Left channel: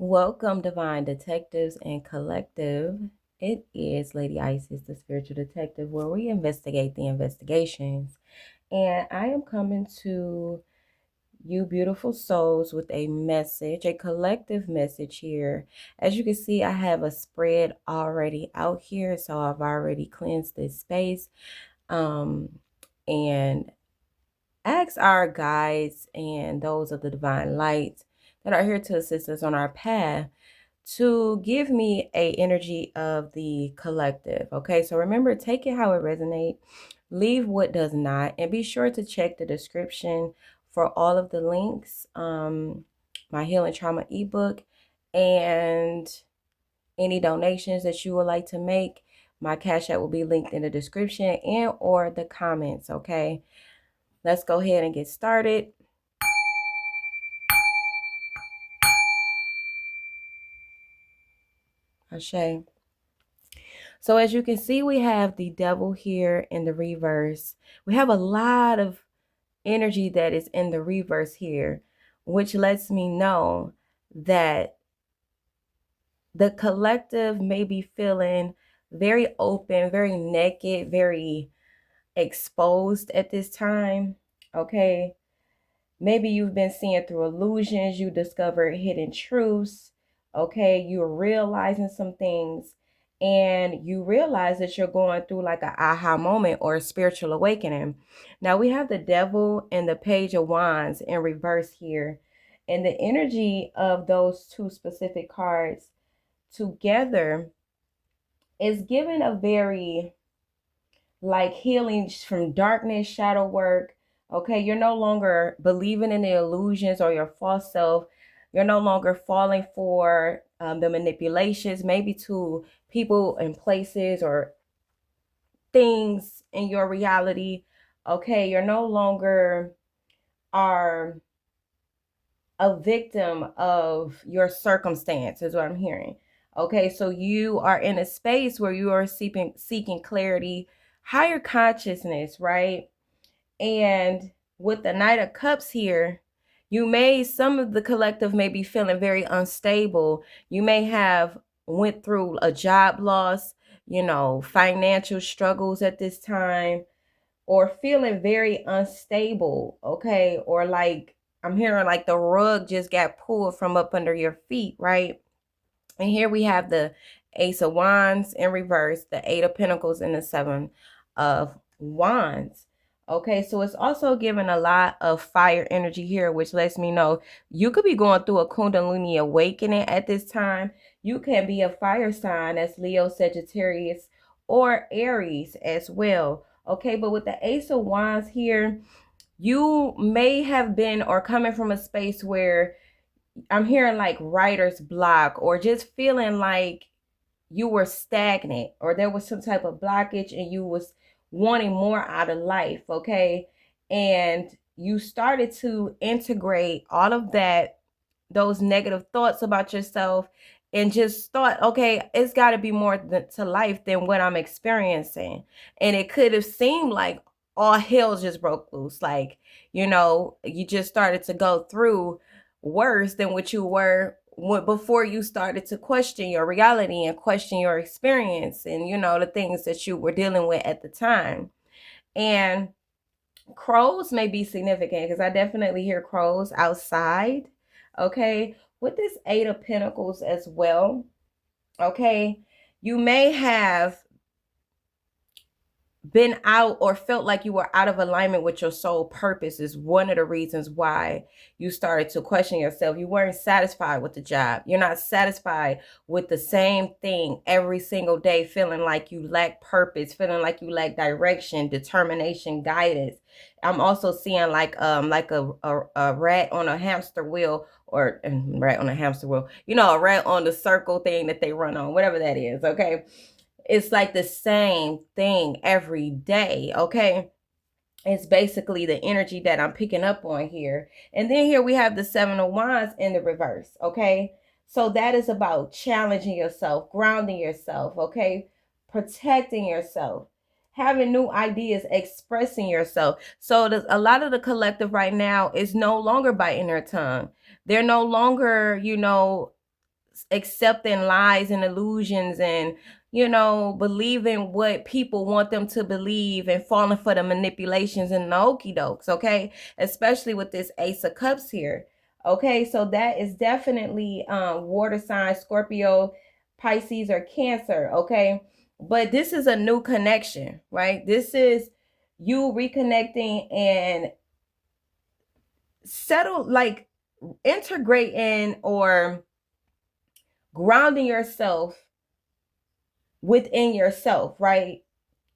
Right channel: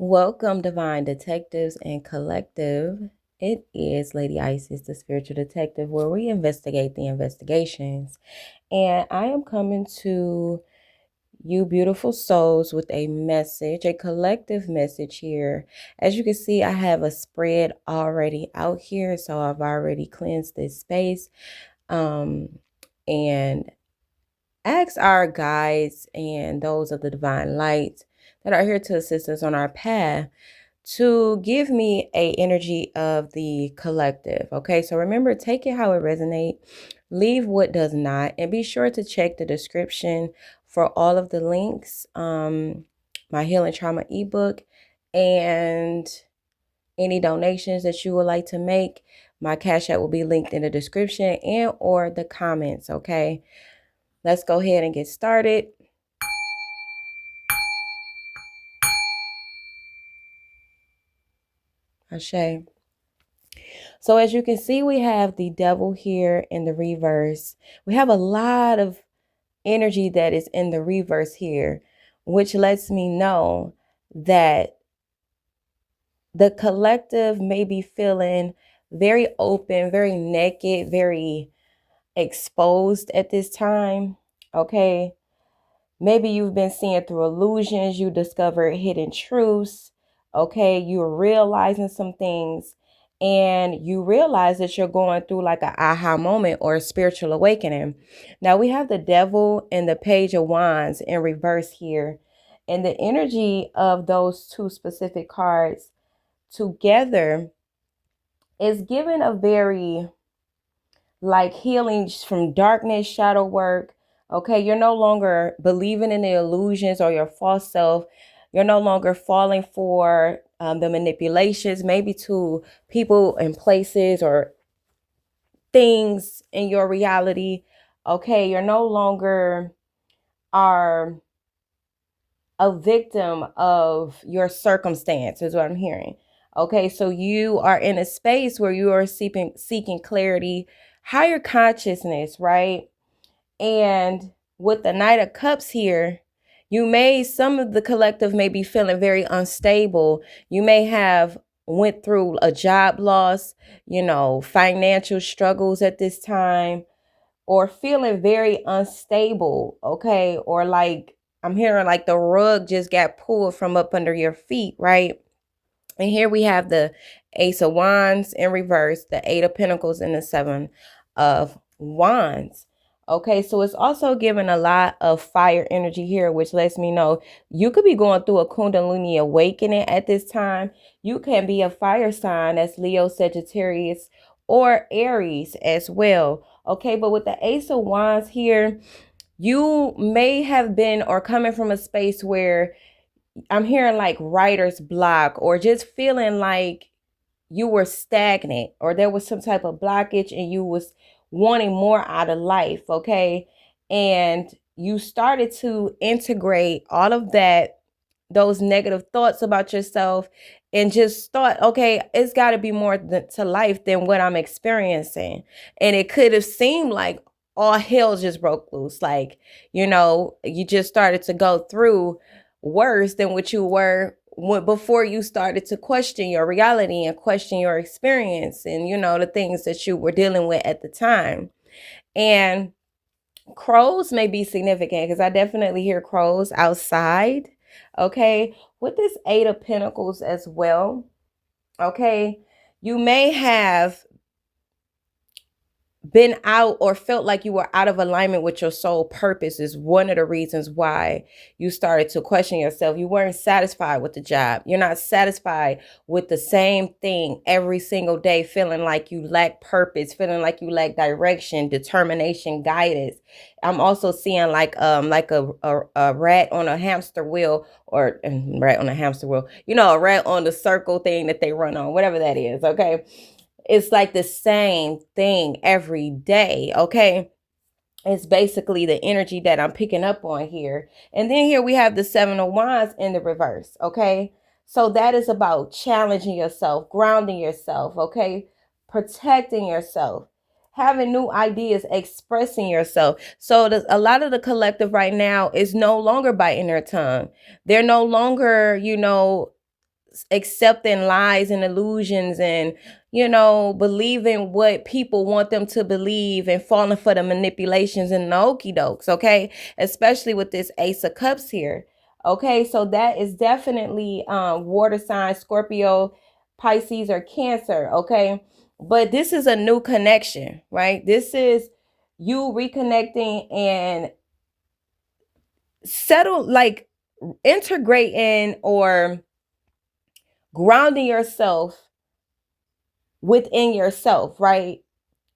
Welcome, Divine Detectives and Collective. It is Lady Isis, the spiritual detective, where we investigate the investigations. And I am coming to you, beautiful souls, with a message, a collective message here. As you can see, I have a spread already out here, so I've already cleansed this space. And ask our guides and those of the divine light that are here to assist us on our path to give me a energy of the collective. Okay, so remember, take it how it resonates, leave what does not, and be sure to check the description for all of the links, my healing trauma ebook, and any donations that you would like to make. My cash app will be linked in the description and or the comments. Okay, let's go ahead and get started. Ashe. So as you can see, we have the devil here in the reverse. We have a lot of energy that is in the reverse here, which lets me know that the collective may be feeling very open, very naked, very exposed at this time. Okay. Maybe you've been seeing through illusions, you discovered hidden truths. Okay, you're realizing some things, and you realize that you're going through like an aha moment or a spiritual awakening. Now we have the devil and the page of wands in reverse here. And the energy of those two specific cards together is given a very like healing from darkness, shadow work. Okay, you're no longer believing in the illusions or your false self. You're no longer falling for the manipulations, maybe to people and places or things in your reality. Okay, you're no longer are a victim of your circumstance, is what I'm hearing. Okay, so you are in a space where you are seeking clarity, higher consciousness, right? And with the Knight of Cups here, some of the collective may be feeling very unstable. You may have went through a job loss, financial struggles at this time, or feeling very unstable, okay? Or like I'm hearing like the rug just got pulled from up under your feet, right? And here we have the Ace of Wands in reverse, the Eight of Pentacles, and the Seven of Wands. Okay, so it's also giving a lot of fire energy here, which lets me know you could be going through a Kundalini awakening at this time. You can be a fire sign, that's Leo, Sagittarius, or Aries as well. Okay, but with the Ace of Wands here, you may have been or coming from a space where I'm hearing like writer's block, or just feeling like you were stagnant or there was some type of blockage and you was wanting more out of life. Okay, and you started to integrate all of that, those negative thoughts about yourself, and just thought, okay, it's got to be more to life than what I'm experiencing. And it could have seemed like all hell just broke loose, like, you just started to go through worse than what you were before you started to question your reality and question your experience and the things that you were dealing with at the time. And crows may be significant because I definitely hear crows outside. Okay, with this Eight of Pentacles as well. Okay, you may have been out or felt like you were out of alignment with your soul purpose, is one of the reasons why you started to question yourself. You weren't satisfied with the job. You're not satisfied with the same thing every single day, feeling like you lack purpose, feeling like you lack direction, determination, guidance. I'm also seeing like a rat on a hamster wheel, or rat on a hamster wheel, a rat on the circle thing that they run on, whatever that is. Okay, it's like the same thing every day. Okay, it's basically the energy that I'm picking up on here. And then here we have the Seven of Wands in the reverse. Okay, so that is about challenging yourself, grounding yourself. Okay, protecting yourself, having new ideas, expressing yourself. So a lot of the collective right now is no longer biting their tongue. They're no longer, accepting lies and illusions and, believing what people want them to believe and falling for the manipulations and the okie dokes, okay? Especially with this Ace of Cups here. Okay, so that is definitely water sign, Scorpio, Pisces, or Cancer, okay? But this is a new connection, right? This is you reconnecting and integrating or grounding yourself within yourself, right?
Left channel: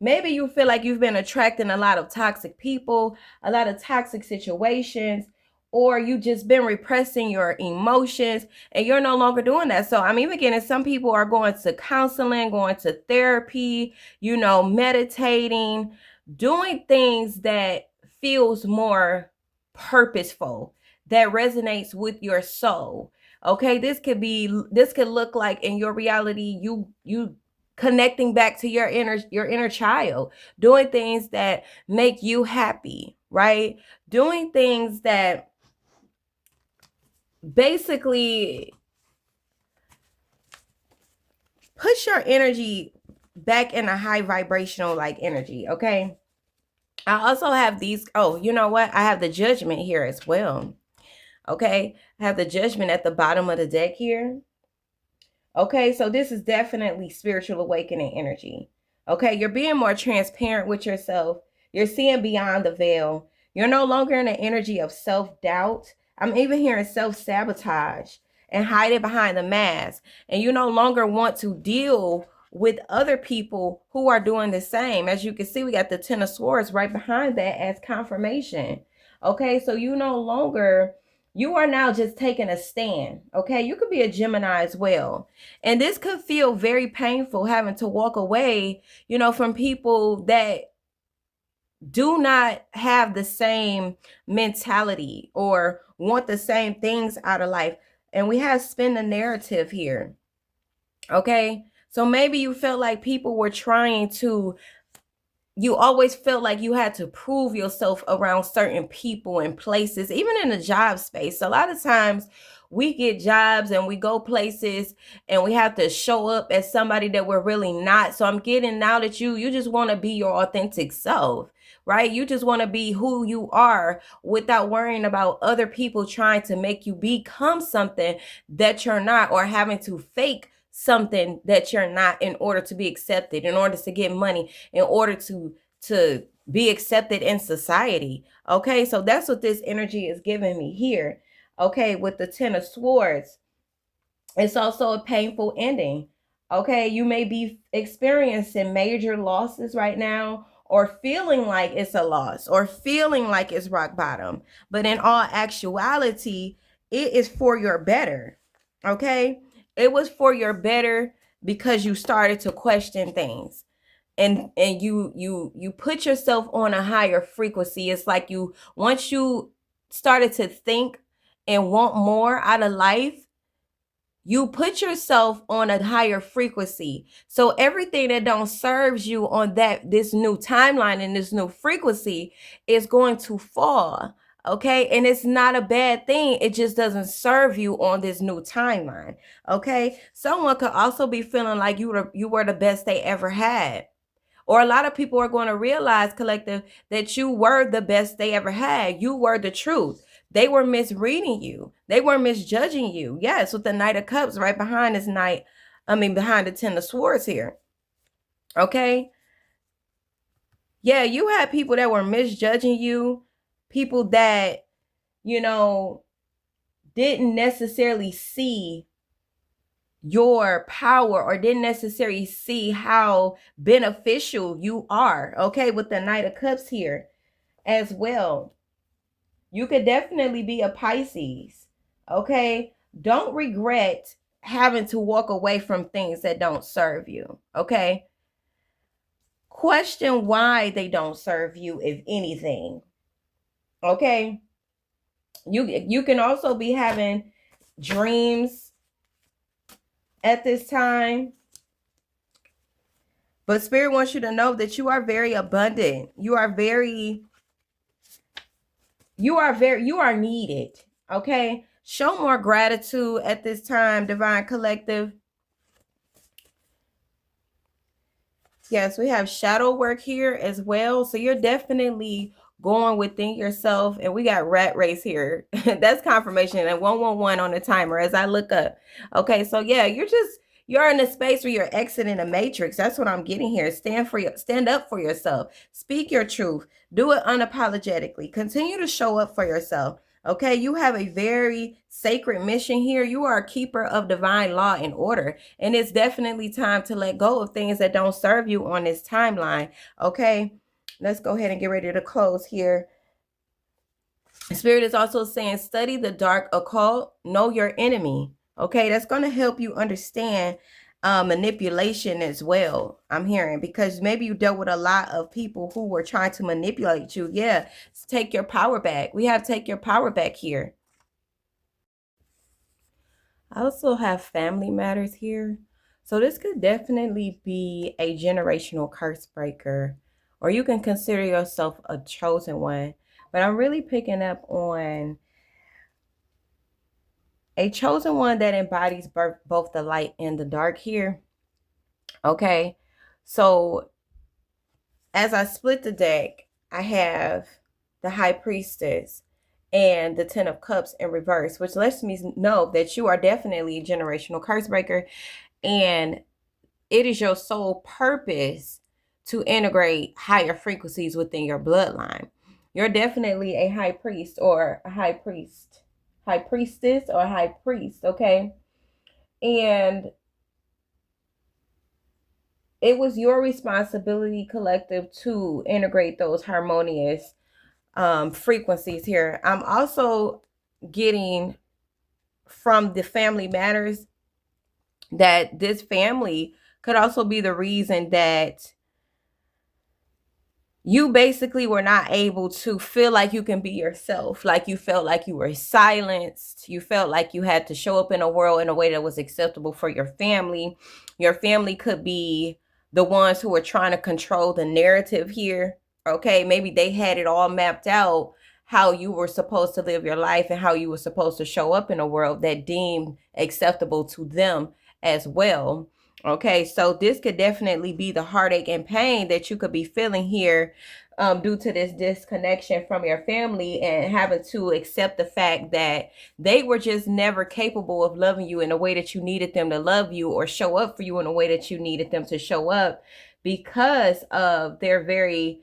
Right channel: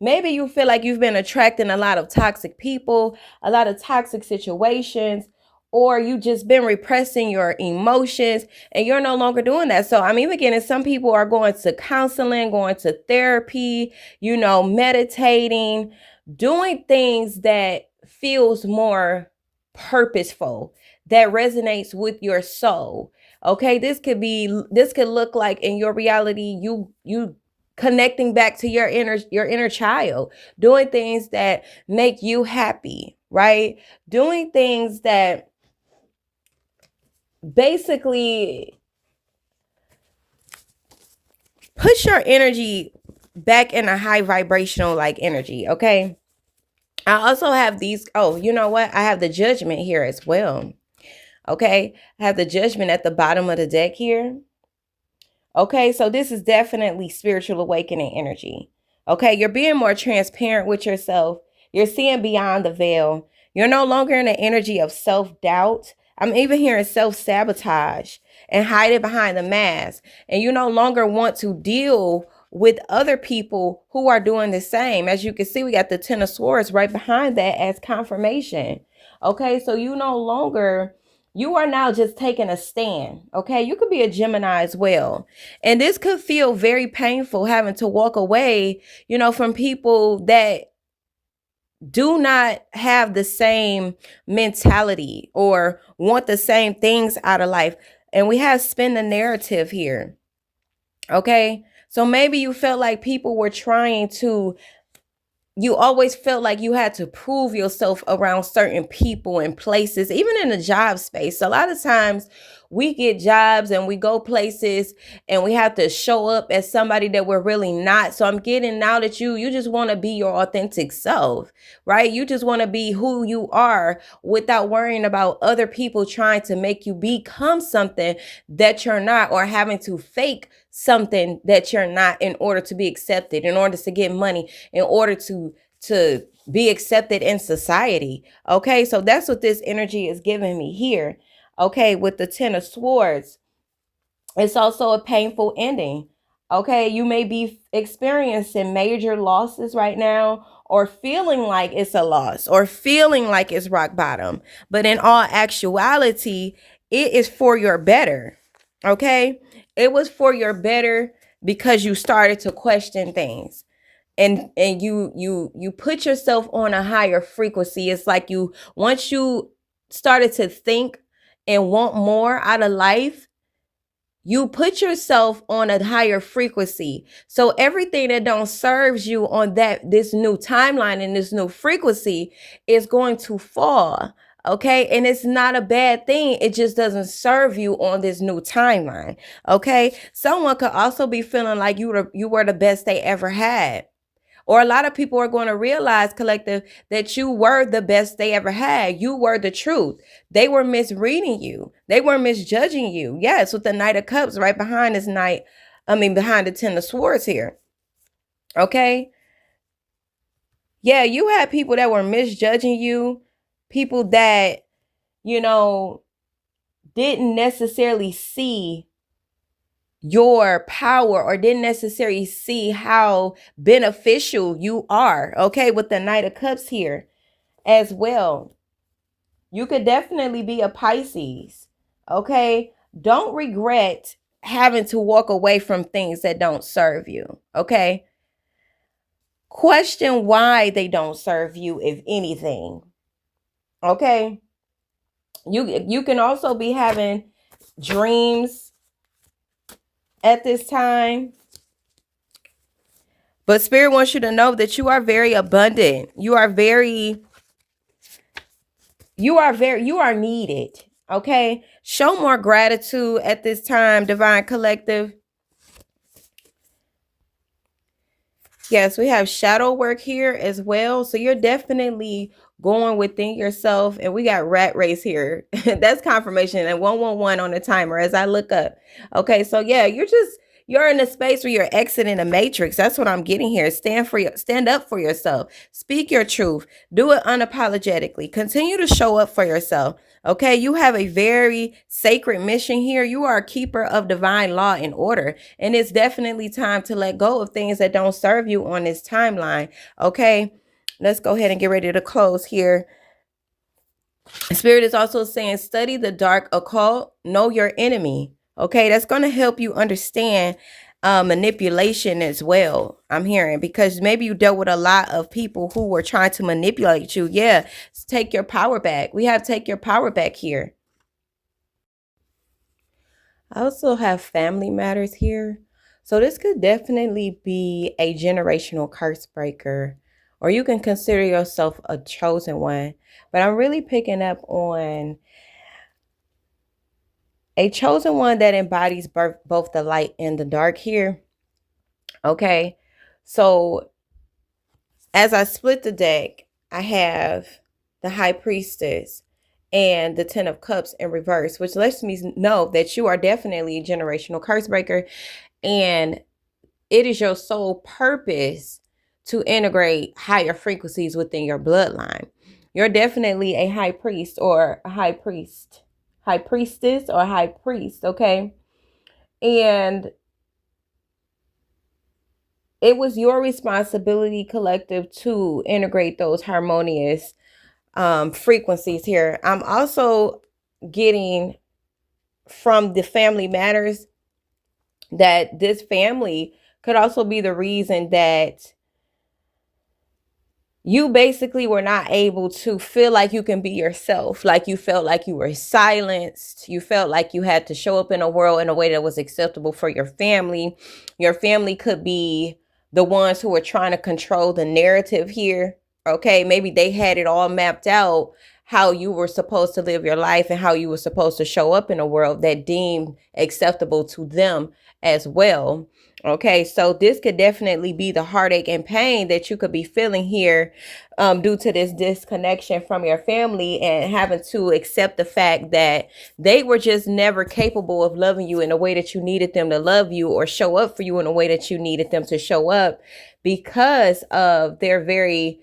Maybe you feel like you've been attracting a lot of toxic people, a lot of toxic situations, or you just been repressing your emotions and you're no longer doing that. So I'm even getting some people are going to counseling, going to therapy, meditating, doing things that feels more purposeful, that resonates with your soul. Okay, this could look like in your reality, you connecting back to your inner child, doing things that make you happy, right? Doing things that basically push your energy back in a high vibrational energy, okay? I also have these, oh, you know what? I have the Judgment here as well. Okay? I have the Judgment at the bottom of the deck here. Okay, so this is definitely spiritual awakening energy. Okay, you're being more transparent with yourself. You're seeing beyond the veil. You're no longer in an energy of self-doubt. I'm even hearing self-sabotage and hiding behind the mask. And you no longer want to deal with other people who are doing the same. As you can see, we got the Ten of Swords right behind that as confirmation. Okay, so you are now just taking a stand. Okay, you could be a Gemini as well. And this could feel very painful having to walk away, from people that do not have the same mentality or want the same things out of life. And we have spin the narrative here. Okay, so maybe you felt like people were trying to, you always felt like you had to prove yourself around certain people and places, even in the job space. A lot of times we get jobs and we go places and we have to show up as somebody that we're really not. So I'm getting now that you just want to be your authentic self, right? You just want to be who you are without worrying about other people trying to make you become something that you're not, or having to fake something that you're not in order to be accepted, in order to get money, in order to be accepted in society. Okay, so that's what this energy is giving me here. Okay, with the Ten of Swords, it's also a painful ending. Okay, you may be experiencing major losses right now, or feeling like it's a loss, or feeling like it's rock bottom. But in all actuality, it is for your better. Okay, it was for your better because you started to question things, and you put yourself on a higher frequency. It's like once you started to think and want more out of life, you put yourself on a higher frequency. So everything that don't serves you on this new timeline and this new frequency is going to fall. Okay, and it's not a bad thing. It just doesn't serve you on this new timeline. Okay, someone could also be feeling like you were the best they ever had. Or a lot of people are going to realize, collective, that you were the best they ever had. You were the truth. They were misreading you. They were misjudging you. Yes, with the Knight of Cups right behind this behind the Ten of Swords here. Okay? Yeah, you had people that were misjudging you. People that, didn't necessarily see your power, or didn't necessarily see how beneficial you are. Okay, with the Knight of Cups here as well. You could definitely be a Pisces. Okay, don't regret having to walk away from things that don't serve you. Okay, question why they don't serve you, if anything. Okay, you can also be having dreams at this time. But Spirit wants you to know that you are very abundant. You are needed. Okay. Show more gratitude at this time, Divine Collective. Yes, we have shadow work here as well. So you're definitely going within yourself. And we got rat race here. That's confirmation and 111 on the timer as I look up. Okay, so yeah, you're in a space where you're exiting a matrix. That's what I'm getting here. Stand up for yourself. Speak your truth. Do it unapologetically. Continue to show up for yourself. Okay, you have a very sacred mission here. You are a keeper of divine law and order. And it's definitely time to let go of things that don't serve you on this timeline. Okay, let's go ahead and get ready to close here. Spirit is also saying, study the dark occult, know your enemy. Okay, that's going to help you understand manipulation as well. I'm hearing, because maybe you dealt with a lot of people who were trying to manipulate you. Yeah, take your power back. We have take your power back here. I also have family matters here. So this could definitely be a generational curse breaker, or you can consider yourself a chosen one. But I'm really picking up on a chosen one that embodies both the light and the dark here. Okay, so as I split the deck, I have the High Priestess and the Ten of Cups in reverse, which lets me know that you are definitely a generational curse breaker, and it is your sole purpose to integrate higher frequencies within your bloodline. You're definitely a high priest or a high priest, high priestess or high priest, okay? And it was your responsibility, collective, to integrate those harmonious frequencies here. I'm also getting from the family matters that this family could also be the reason that you basically were not able to feel like you can be yourself. Like you felt like you were silenced. You felt like you had to show up in a world in a way that was acceptable for your family. Your family could be the ones who were trying to control the narrative here. Okay, maybe they had it all mapped out, how you were supposed to live your life and how you were supposed to show up in a world that deemed acceptable to them as well. Okay, so this could definitely be the heartache and pain that you could be feeling here due to this disconnection from your family and having to accept the fact that they were just never capable of loving you in a way that you needed them to love you, or show up for you in a way that you needed them to show up, because of their very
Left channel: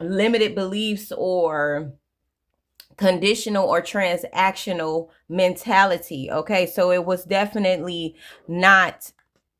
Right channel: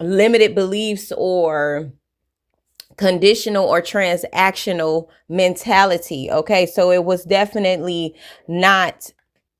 limited beliefs or conditional or transactional mentality. Okay, so it was definitely not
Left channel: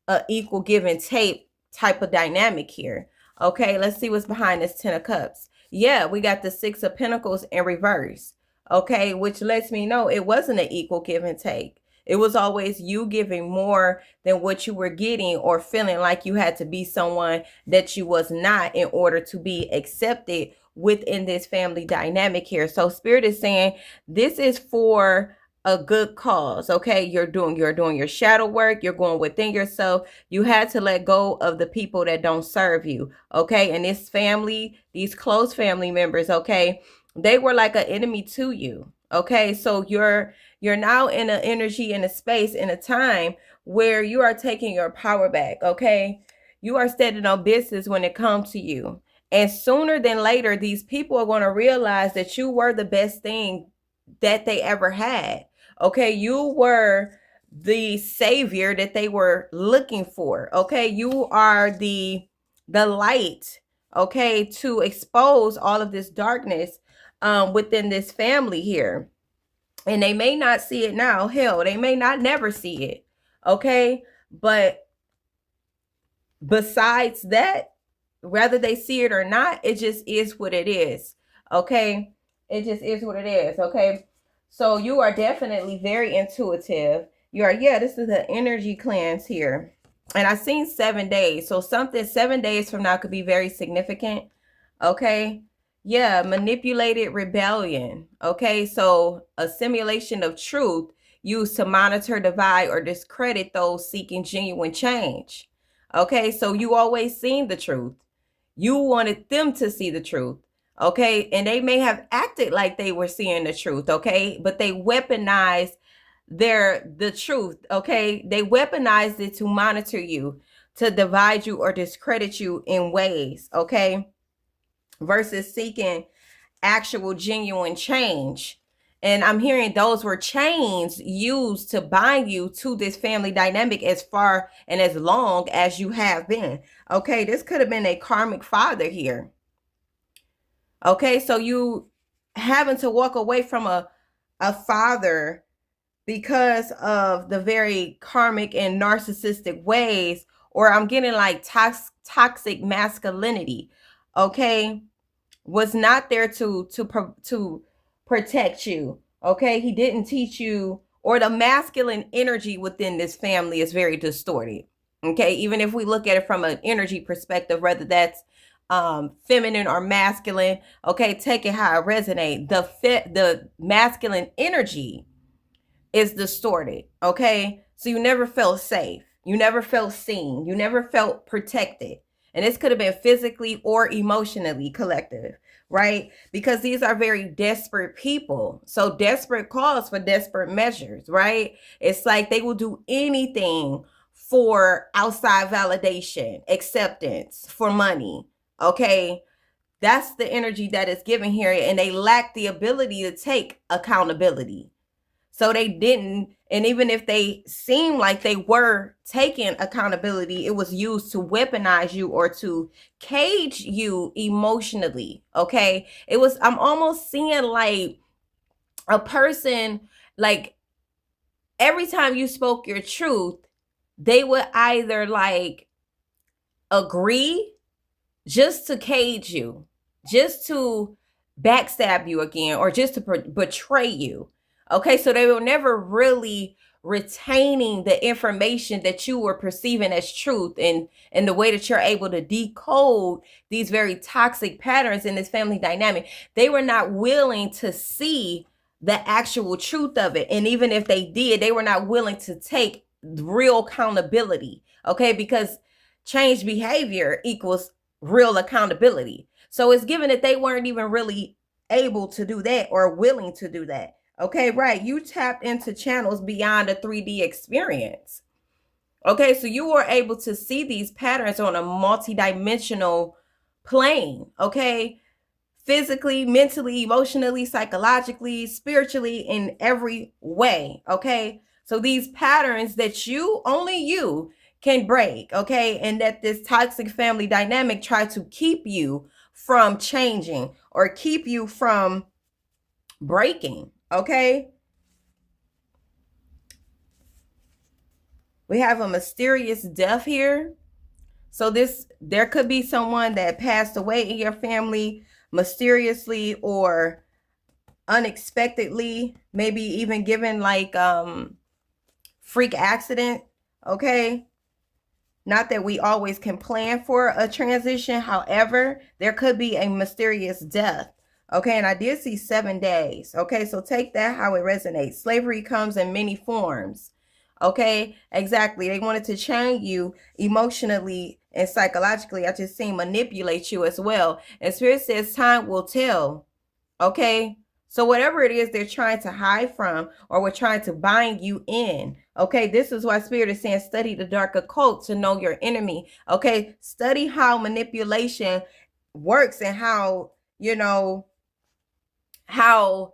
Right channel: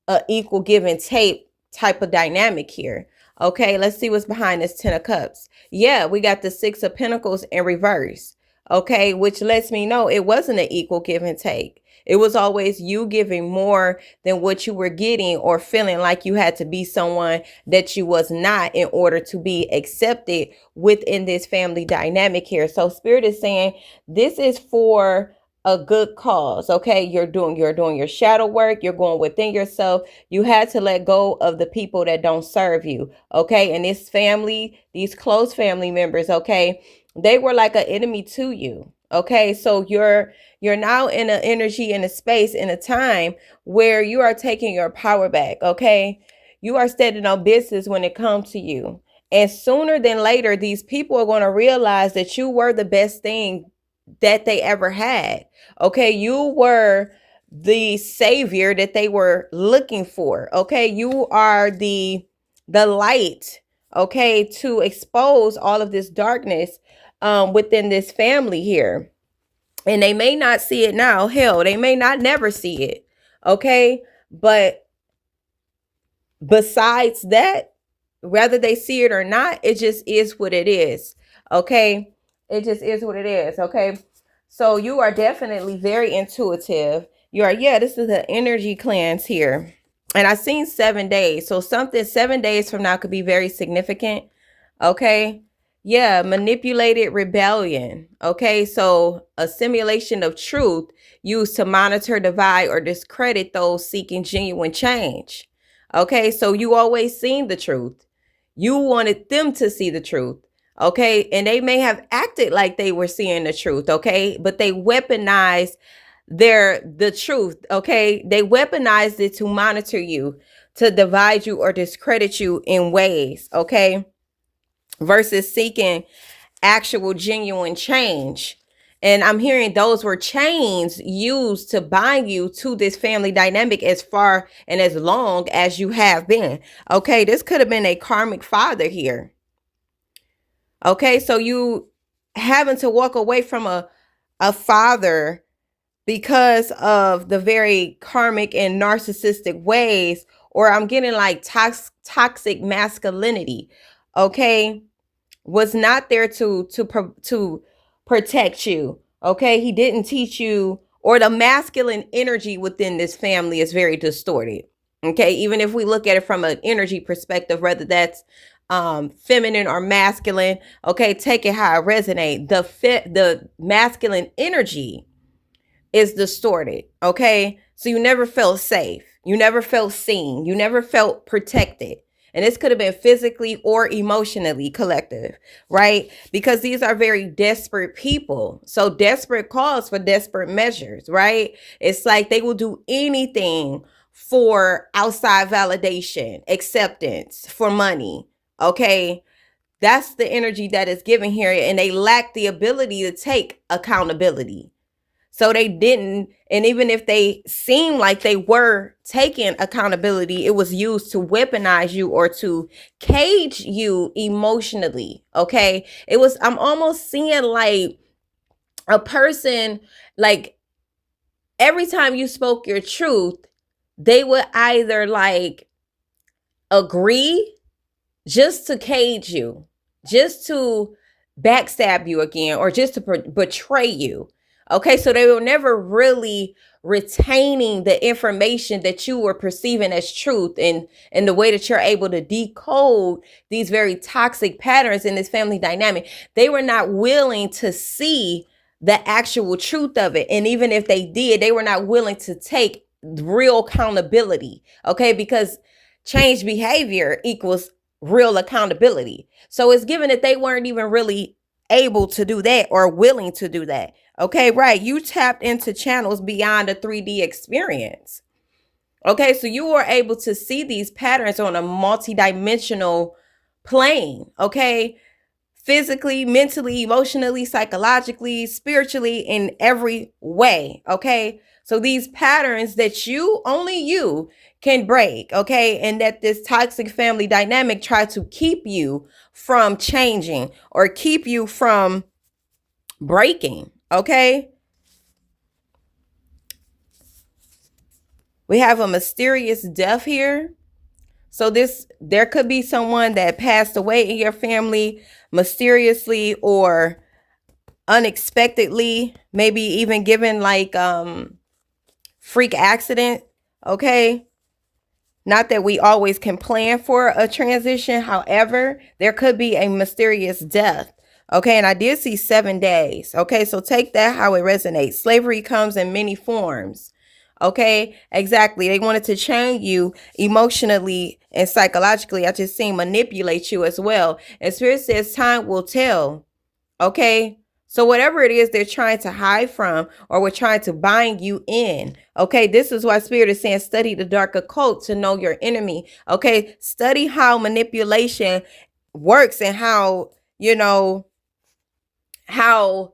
a equal give and take type of dynamic here. Okay, let's see what's behind this Ten of Cups. Yeah, we got the Six of Pentacles in reverse. Okay, which lets me know it wasn't an equal give and take. It was always you giving more than what you were getting, or feeling like you had to be someone that you was not in order to be accepted within this family dynamic here. So Spirit is saying this is for a good cause. Okay, you're doing your shadow work. You're going within yourself. You had to let go of the people that don't serve you. Okay, and this family, these close family members, okay, they were like an enemy to you. Okay, so you're now in an energy, in a space, in a time where you are taking your power back. Okay, you are standing on business when it comes to you. And sooner than later, these people are going to realize that you were the best thing that they ever had. Okay, you were the savior that they were looking for. Okay, you are the light, okay, to expose all of this darkness within this family here. And they may not see it now. Hell, they may not never see it. Okay, but besides that, whether they see it or not, it just is what it is. Okay, it just is what it is. Okay, so you are definitely very intuitive. You are, yeah, this is the energy cleanse here. And I seen 7 days. So something 7 days from now could be very significant. Okay. Yeah, manipulated rebellion. Okay, so a simulation of truth used to monitor, divide, or discredit those seeking genuine change. Okay, so you always seen the truth. You wanted them to see the truth. Okay. And they may have acted like they were seeing the truth. Okay. But they weaponized the truth. Okay. They weaponized it to monitor you, to divide you or discredit you in ways. Okay. Versus seeking actual genuine change. And I'm hearing those were chains used to bind you to this family dynamic as far and as long as you have been. Okay, this could have been a karmic father here. Okay, so you having to walk away from a father because of the very karmic and narcissistic ways, or I'm getting like toxic masculinity. Okay, was not there to protect you. Okay, he didn't teach you, or the masculine energy within this family is very distorted. Okay, even if we look at it from an energy perspective, whether that's feminine or masculine, okay, take it how it resonates. The masculine energy is distorted. Okay, so you never felt safe, you never felt seen, you never felt protected. And this could have been physically or emotionally collective, right? Because these are very desperate people. So desperate calls for desperate measures, right? It's like they will do anything for outside validation, acceptance, for money. Okay, that's the energy that is given here, and they lack the ability to take accountability. So they didn't, and even if they seemed like they were taking accountability, it was used to weaponize you or to cage you emotionally. Okay. It was, I'm almost seeing like a person, like every time you spoke your truth, they would either like agree just to cage you, just to backstab you again, or just to betray you. Okay, so they were never really retaining the information that you were perceiving as truth, and the way that you're able to decode these very toxic patterns in this family dynamic. They were not willing to see the actual truth of it. And even if they did, they were not willing to take real accountability. Okay, because change behavior equals real accountability. So it's given that they weren't even really able to do that or willing to do that. Okay, right. You tapped into channels beyond a 3D experience. Okay, so you were able to see these patterns on a multidimensional plane. Okay, physically, mentally, emotionally, psychologically, spiritually, in every way. Okay, so these patterns that you, only you, can break. Okay, and that this toxic family dynamic try to keep you from changing or keep you from breaking. Okay, we have a mysterious death here. So this, there could be someone that passed away in your family mysteriously or unexpectedly, maybe even given like freak accident. Okay, not that we always can plan for a transition, however there could be a mysterious death. Okay, and I did see 7 days. Okay, so take that how it resonates. Slavery comes in many forms. Okay, exactly. They wanted to chain you emotionally and psychologically. I just seen manipulate you as well. And Spirit says time will tell. Okay. So whatever it is they're trying to hide from, or we're trying to bind you in. Okay. This is why Spirit is saying study the dark occult to know your enemy. Okay. Study how manipulation works, and how, you know, how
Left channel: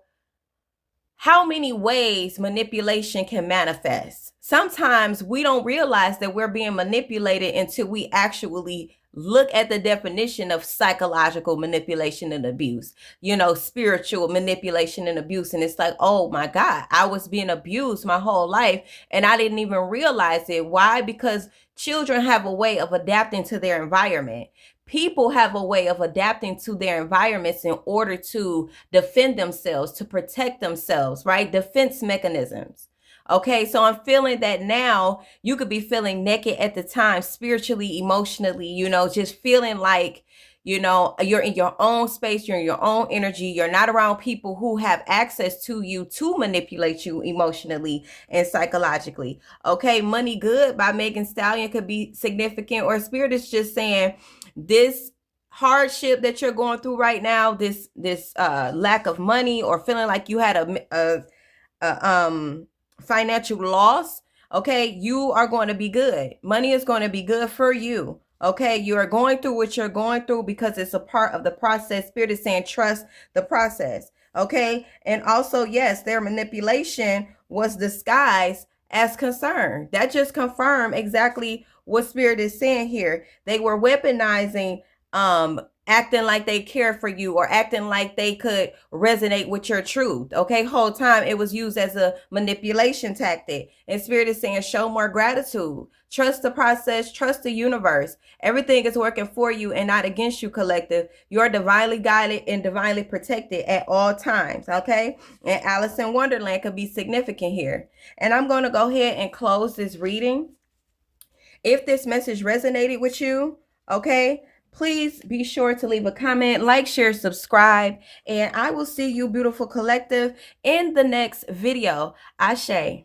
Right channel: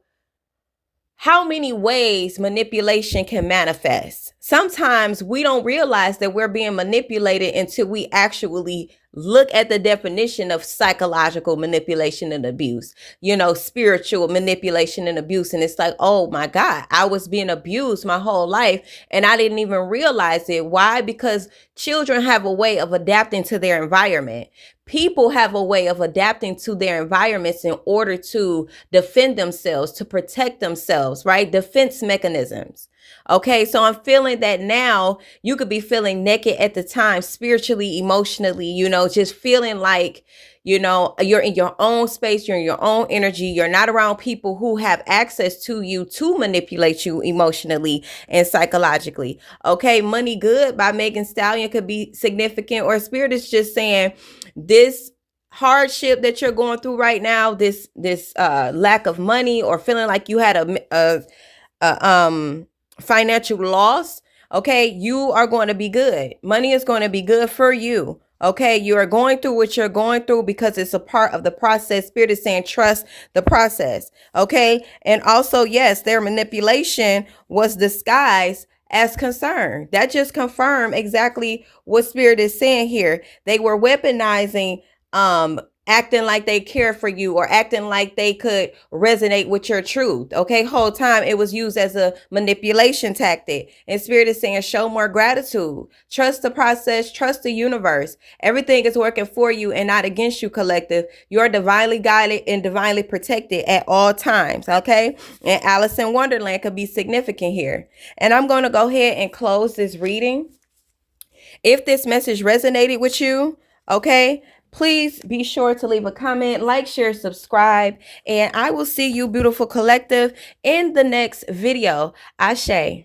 many ways manipulation can manifest. Sometimes we don't realize that we're being manipulated until we actually look at the definition of psychological manipulation and abuse, you know, spiritual manipulation and abuse. And it's like, oh my God, I was being abused my whole life and I didn't even realize it. Why? Because children have a way of adapting to their environment. People have a way of adapting to their environments in order to defend themselves, to protect themselves, right? Defense mechanisms. Okay, so I'm feeling that now you could be feeling naked at the time, spiritually, emotionally, you know, just feeling like, you know, you're in your own space, you're in your own energy, you're not around people who have access to you to manipulate you emotionally and psychologically. Okay, Money Good by Megan Stallion could be significant, or Spirit is just saying this hardship that you're going through right now, this lack of money, or feeling like you had a financial loss, okay, you are going to be good. Money is going to be good for you. Okay, you are going through what you're going through because it's a part of the process. Spirit is saying trust the process. Okay, and also, yes, their manipulation was disguised as concern. That just confirmed exactly what Spirit is saying here. They were weaponizing acting like they care for you, or acting like they could resonate with your truth. Okay, whole time it was used as a manipulation tactic. And Spirit is saying show more gratitude, trust the process, trust the universe. Everything is working for you and not against you, collective. You're divinely guided and divinely protected at all times. Okay, and Alice in Wonderland could be significant here. And I'm going to go ahead and close this reading. If this message resonated with you, okay, please be sure to leave a comment, like, share, subscribe, and I will see you, beautiful collective, in the next video. Ashe.